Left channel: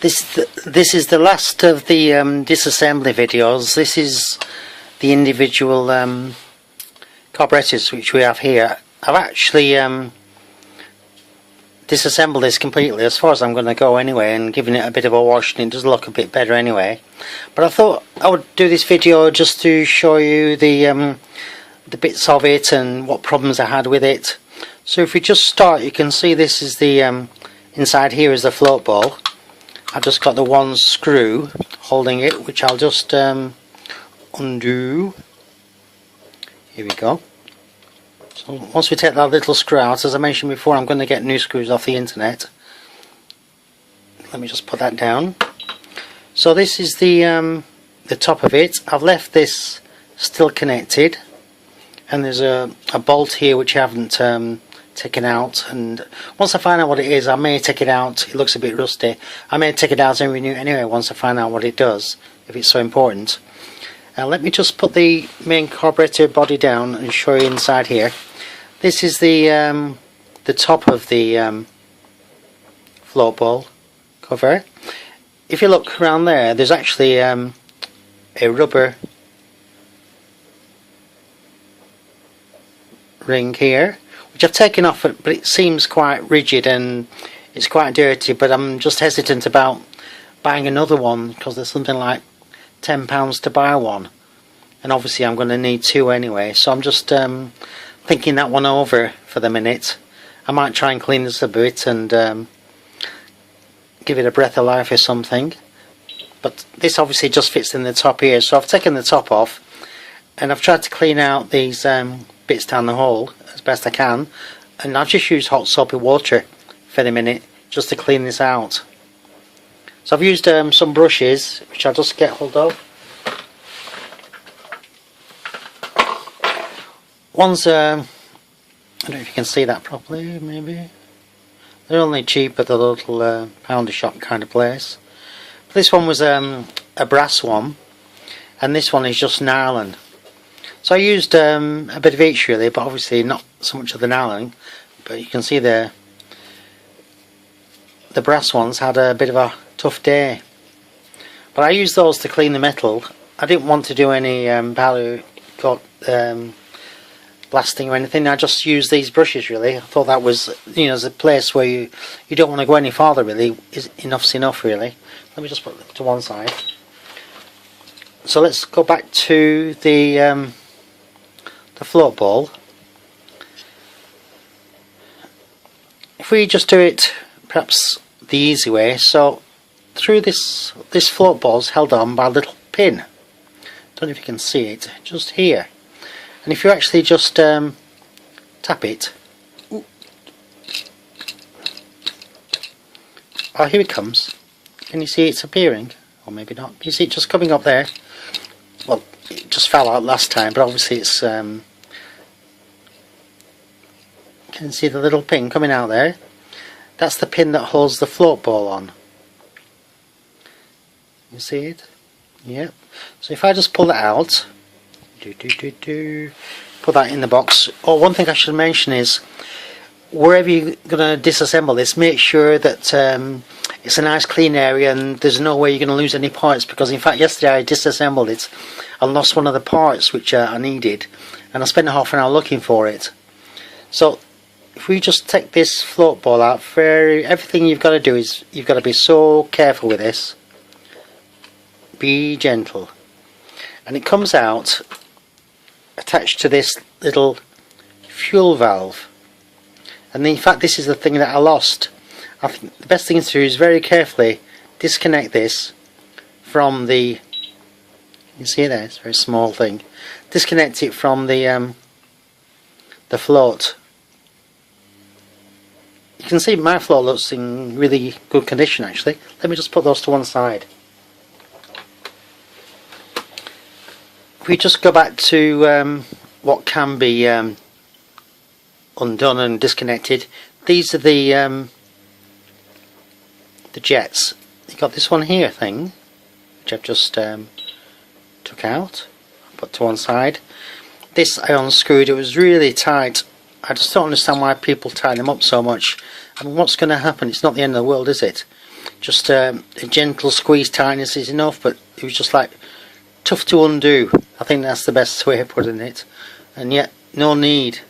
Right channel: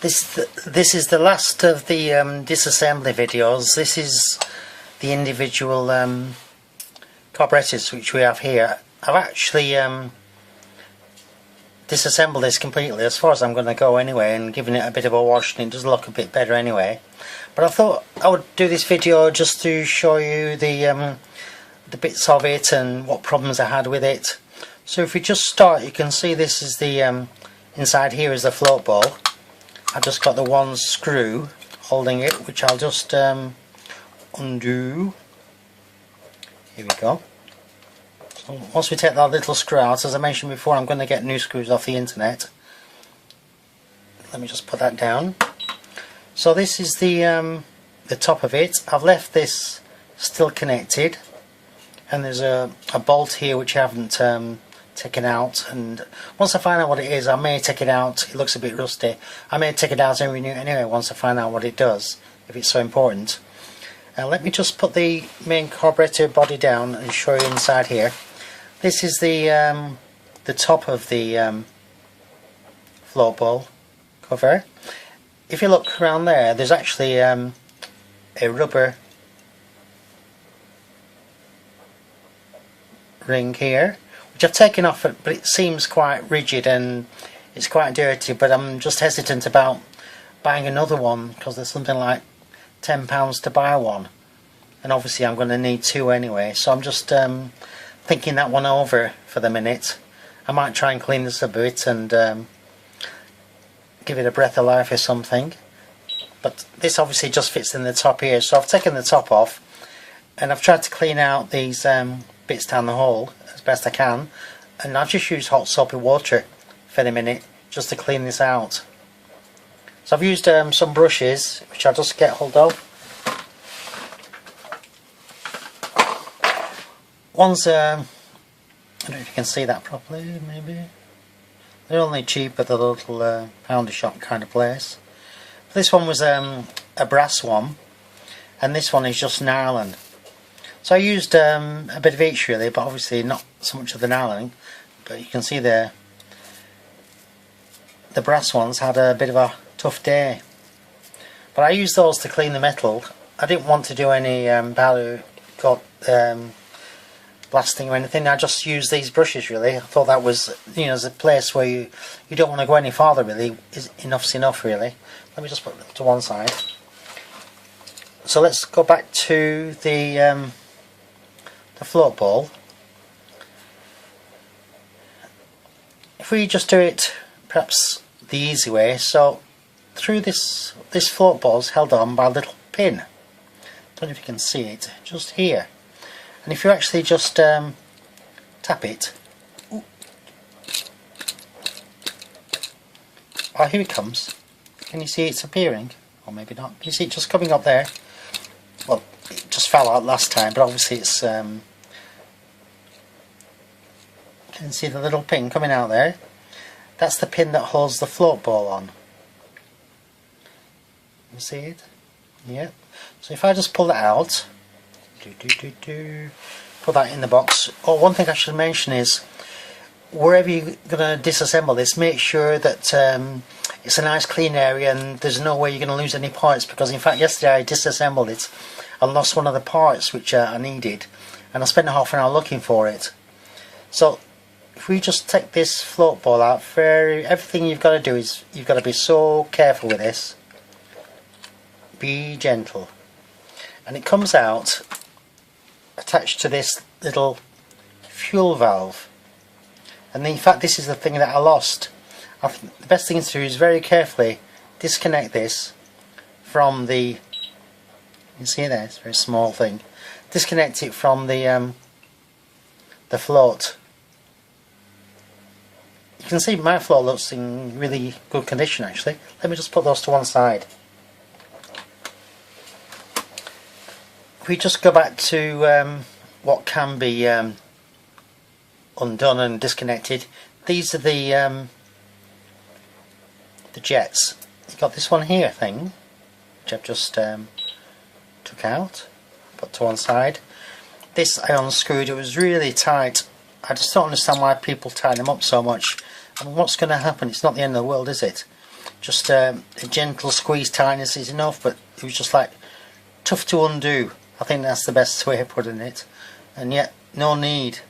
This is the last of the disassembly videos. This is the individual carburettors which we have here. I've actually disassembled this completely as far as I'm going to go anyway, and giving it a bit of a wash, and it does look a bit better anyway. But I thought I would do this video just to show you the bits of it and what problems I had with it. So if we just start, you can see this is the inside here is the float ball. I've just got the one screw holding it, which I'll just undo. Here we go. So once we take that little screw out, as I mentioned before, I'm going to get new screws off the internet. Let me just put that down. So this is the top of it. I've left this still connected, and there's a bolt here which I haven't taken out, and once I find out what it is, I may take it out. It looks a bit rusty. I may take it out and renew it anyway once I find out what it does, if it's so important. Now let me just put the main carburetor body down and show you inside here. This is the top of the float ball cover. If you look around there, there's actually a rubber ring here, which I've taken off, but it seems quite rigid and it's quite dirty. But I'm just hesitant about buying another one because there's something like £10 to buy one, and obviously I'm going to need two anyway. So I'm just thinking that one over for the minute. I might try and clean this a bit and give it a breath of life or something. But this obviously just fits in the top here, so I've taken the top off and I've tried to clean out these bits down the hole as best I can, and I've just used hot soapy water for the minute just to clean this out. So I've used some brushes which I'll just get hold of. One's I don't know if you can see that properly, maybe. They're only cheap at the little pounder shop kind of place. This one was a brass one, and this one is just nylon. So I used a bit of each really, but obviously not so much of the nylon. But you can see there, the brass ones had a bit of a tough day. But I used those to clean the metal. I didn't want to do any blasting or anything. I just used these brushes really. I thought that was, you know, as a place where you don't want to go any farther really. Enough's enough really. Let me just put it to one side. So let's go back to the float ball. If we just do it perhaps the easy way, so through this float ball is held on by a little pin. Don't know if you can see it, just here. And if you actually just tap it, ooh. Oh, here it comes. Can you see it's appearing? Or maybe not. You see it just coming up there. Well, it just fell out last time, but obviously it's you can see the little pin coming out there. That's the pin that holds the float ball on. You see it? Yep. So if I just pull that out, put that in the box. Oh, one thing I should mention is, wherever you're going to disassemble this, make sure that it's a nice clean area and there's no way you're going to lose any parts, because in fact yesterday I disassembled it and lost one of the parts which I needed, and I spent half an hour looking for it. So if we just take this float ball out, everything you've got to do is you've got to be so careful with this. Be gentle. And it comes out attached to this little fuel valve, and in fact this is the thing that I lost. I think the best thing to do is very carefully disconnect this from the, you can see there, it's a very small thing, disconnect it from the float. You can see my float looks in really good condition actually. Let me just put those to one side. If we just go back to what can be undone and disconnected, these are the jets. You've got this one here thing, which I've just took out, put to one side. This I unscrewed, it was really tight. I just don't understand why people tie them up so much. I mean, what's going to happen? It's not the end of the world, is it? Just a gentle squeeze tightness is enough, but it was just like tough to undo. I think that's the best way of putting it, and yet no need.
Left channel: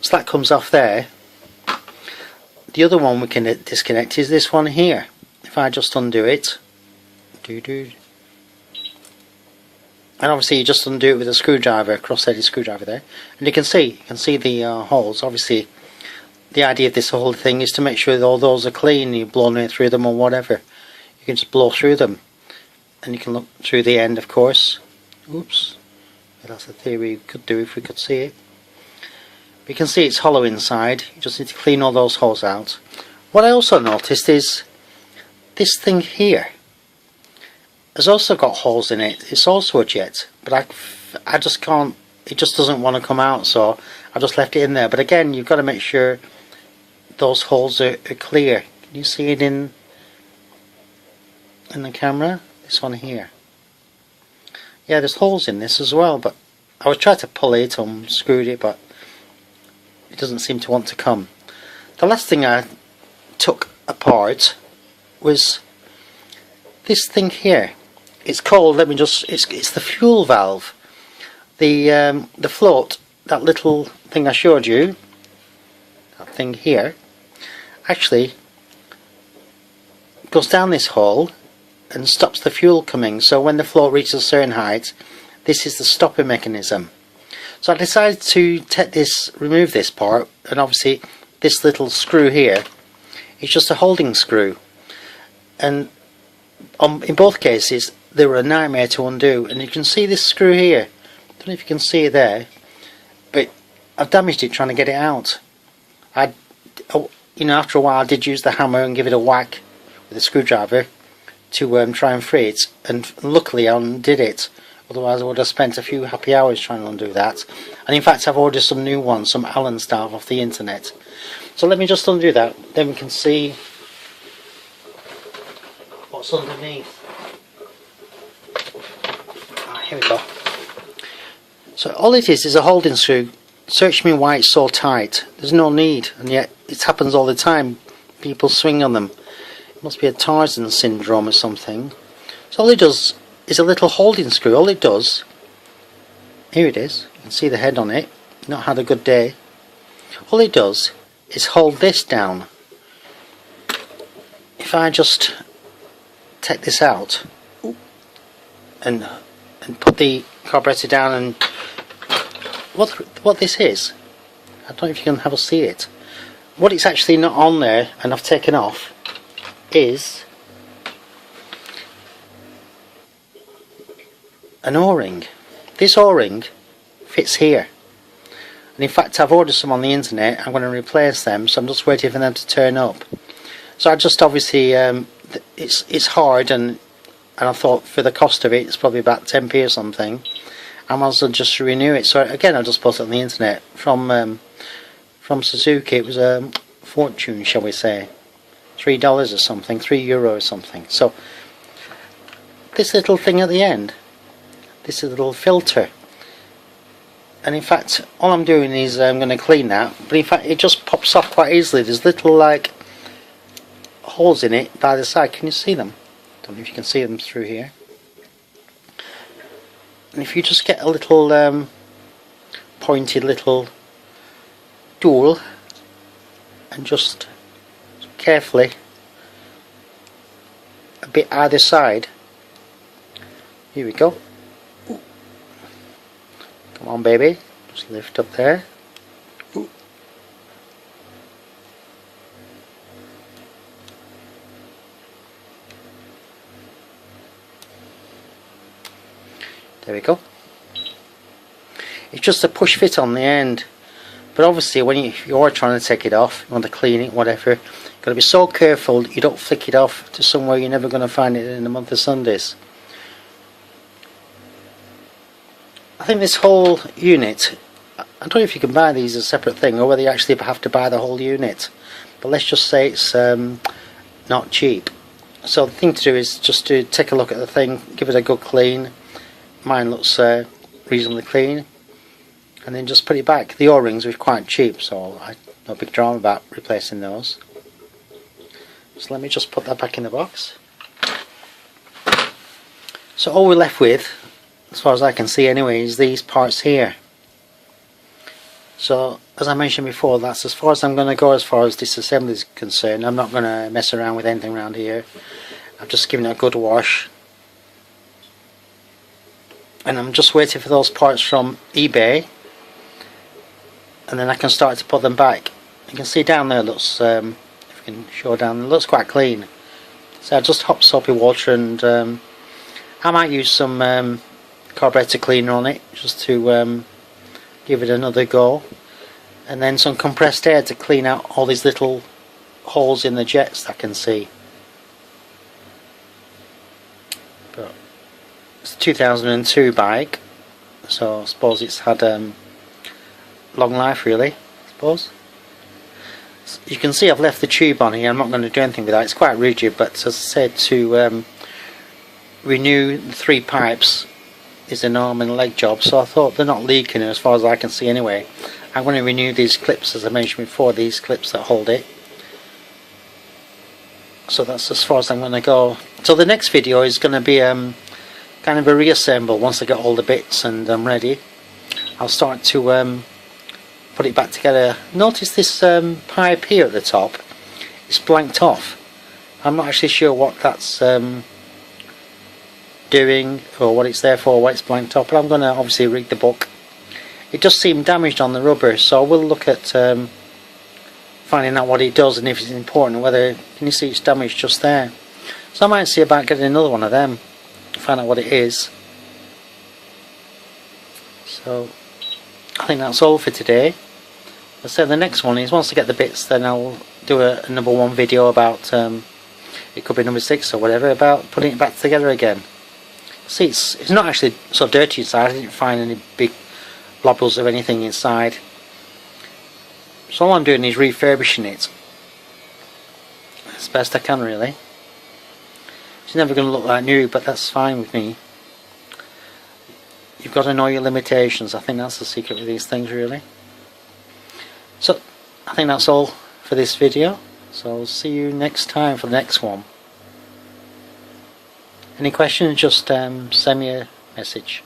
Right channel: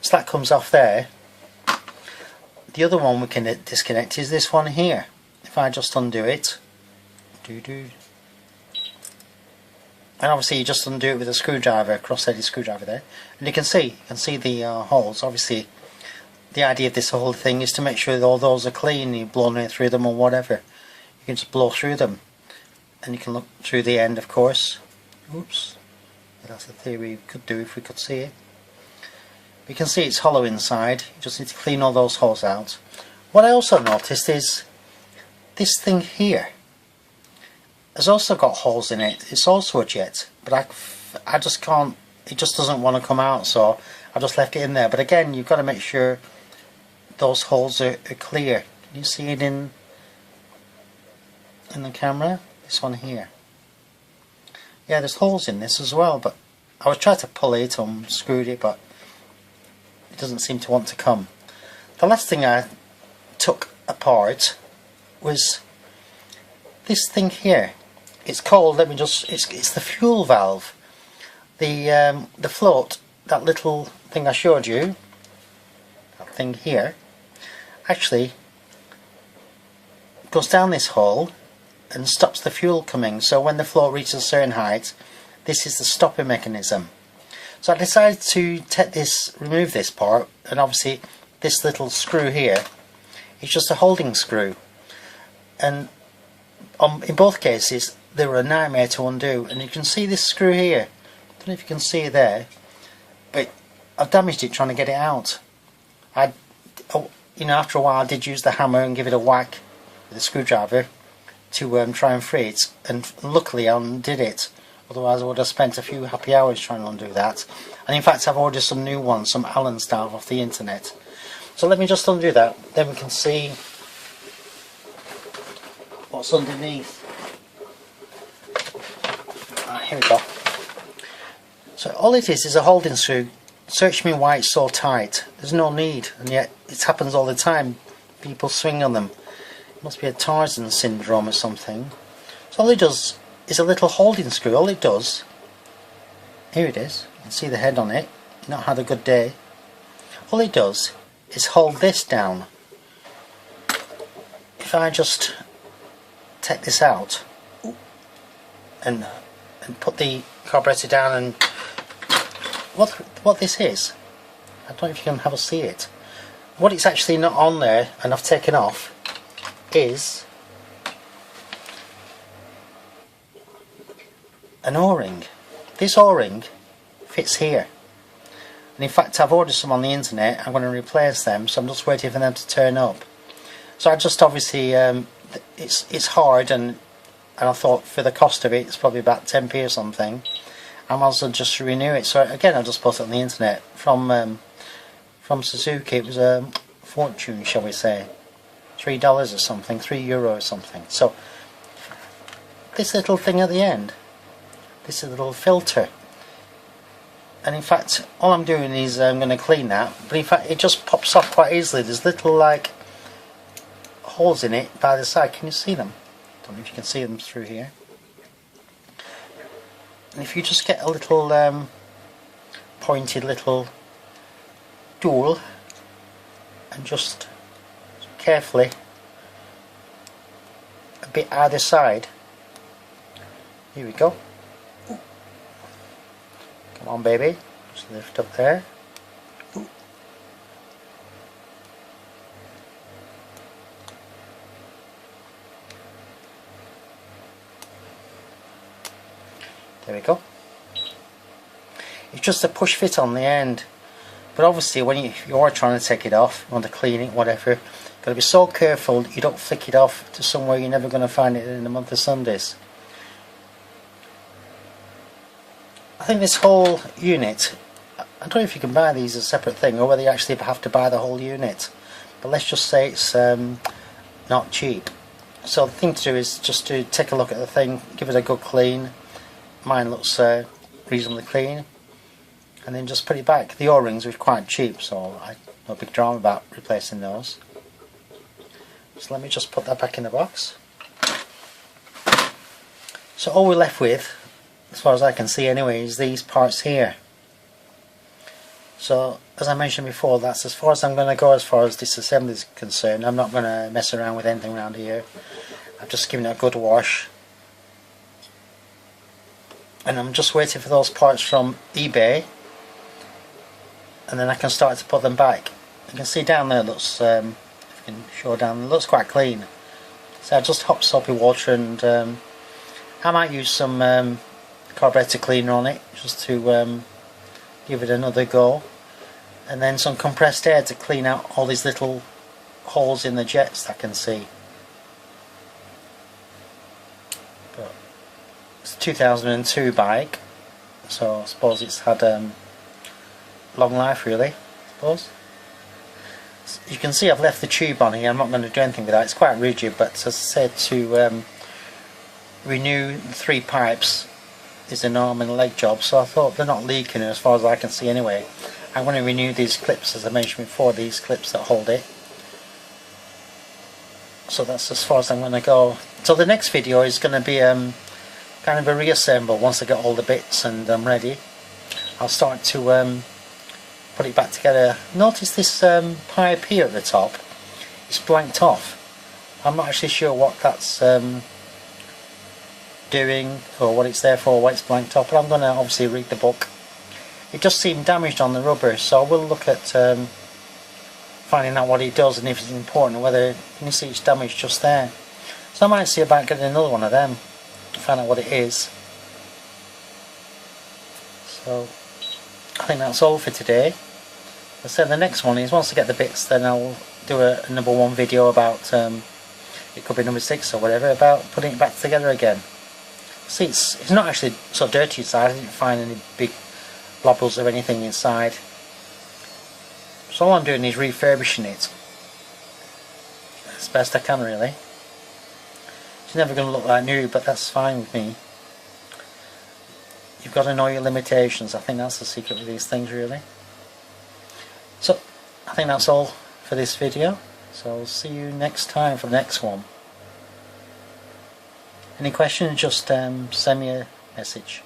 So that comes off there. The other one we can disconnect is this one here. If I just undo it, and obviously you just undo it with a screwdriver, cross-threaded screwdriver there, and you can see the holes. Obviously the idea of this whole thing is to make sure that all those are clean. You've blown right through them or whatever, you can just blow through them, and you can look through the end, of course. Oops, but that's the theory we could do if we could see it. You can see it's hollow inside. You just need to clean all those holes out. What I also noticed is this thing here has also got holes in it. It's also a jet, but I just can't, it just doesn't want to come out, so I just left it in there. But again, you've got to make sure those holes are clear. Can you see it in the camera? This one here. Yeah, there's holes in this as well, but I was trying to pull it, unscrewed it, but it doesn't seem to want to come. The last thing I took apart was this thing here. It's called, it's the fuel valve. The float, that little thing I showed you, that thing here, actually goes down this hole and stops the fuel coming. So when the float reaches a certain height, this is the stopping mechanism. So I decided to remove this part, and obviously this little screw here is just a holding screw, and in both cases they were a nightmare to undo. And you can see this screw here, I don't know if you can see it there, but I've damaged it trying to get it out. After a while I did use the hammer and give it a whack with a screwdriver to try and free it, and luckily I undid it. Otherwise I would have spent a few happy hours trying to undo that. And in fact I've ordered some new ones, some Allen style off the internet. So let me just undo that, then we can see what's underneath. Here we go. So all it is a holding screw. Search me why it's so tight. There's no need, and yet it happens all the time. People swing on them. It must be a Tarzan syndrome or something. So all it does is a little holding screw. All it does, here it is, you can see the head on it, not had a good day. All it does is hold this down. If I just take this out and put the carburettor down, and what this is, I don't know if you can have a see it, what it's actually not on there and I've taken off is an O-ring. This O-ring fits here, and in fact I've ordered some on the internet. I'm going to replace them, so I'm just waiting for them to turn up. So I just obviously it's hard, and I thought for the cost of it, it's probably about 10p or something, I might as well just renew it. So again I just bought it on the internet from Suzuki. It was a fortune, shall we say, $3 or something, €3 or something. So this little thing at the end, this is a little filter, and in fact all I'm doing is I'm going to clean that, but in fact it just pops off quite easily. There's little like holes in it by the side. Can you see them? Don't know if you can see them through here. And if you just get a little pointed little tool and just carefully a bit either side, here we go. Come on baby, just lift up there. There we go. It's just a push fit on the end, but obviously when you are trying to take it off, you want to clean it, whatever, you've got to be so careful you don't flick it off to somewhere you're never going to find it in a month of Sundays. I think this whole unit, I don't know if you can buy these as a separate thing or whether you actually have to buy the whole unit, but let's just say it's not cheap. So the thing to do is just to take a look at the thing, give it a good clean. Mine looks reasonably clean, and then just put it back. The O-rings were quite cheap, so no big drama about replacing those. So let me just put that back in the box. So all we're left with, as far as I can see anyway, is these parts here. So as I mentioned before, that's as far as I'm going to go as far as this assembly is concerned. I'm not going to mess around with anything around here. I've just given it a good wash. And I'm just waiting for those parts from eBay, and then I can start to put them back. You can see down there, looks, if you can show down, it looks quite clean. So I just hop soapy water, and I might use some carburettor cleaner on it just to give it another go, and then some compressed air to clean out all these little holes in the jets that I can see. But it's a 2002 bike, so I suppose it's had long life really, I suppose. You can see I've left the tube on here. I'm not going to do anything with that. It's quite rigid, but as I said, to renew the 3 pipes is an arm and a leg job, so I thought they're not leaking as far as I can see anyway. I'm going to renew these clips, as I mentioned before, these clips that hold it. So that's as far as I'm going to go. So the next video is going to be kind of a reassemble. Once I get all the bits and I'm ready, I'll start to put it back together. Notice this pipe here at the top is blanked off. I'm not actually sure what that's doing or what it's there for, why it's blanked off, but I'm going to obviously read the book. It does seem damaged on the rubber, so I will look at finding out what it does and if it's important, whether, can you see it's damaged just there. So I might see about getting another one of them to find out what it is. So I think that's all for today. As I said, the next one is, once I get the bits, then I'll do a number 1 video about, it could be number 6 or whatever, about putting it back together again. See, it's not actually so dirty inside. I didn't find any big blobbles of anything inside. So all I'm doing is refurbishing it as best I can really. It's never going to look like new, but that's fine with me. You've got to know your limitations. I think that's the secret with these things really. So I think that's all for this video. So I'll see you next time for the next one. Any questions, just send me a message.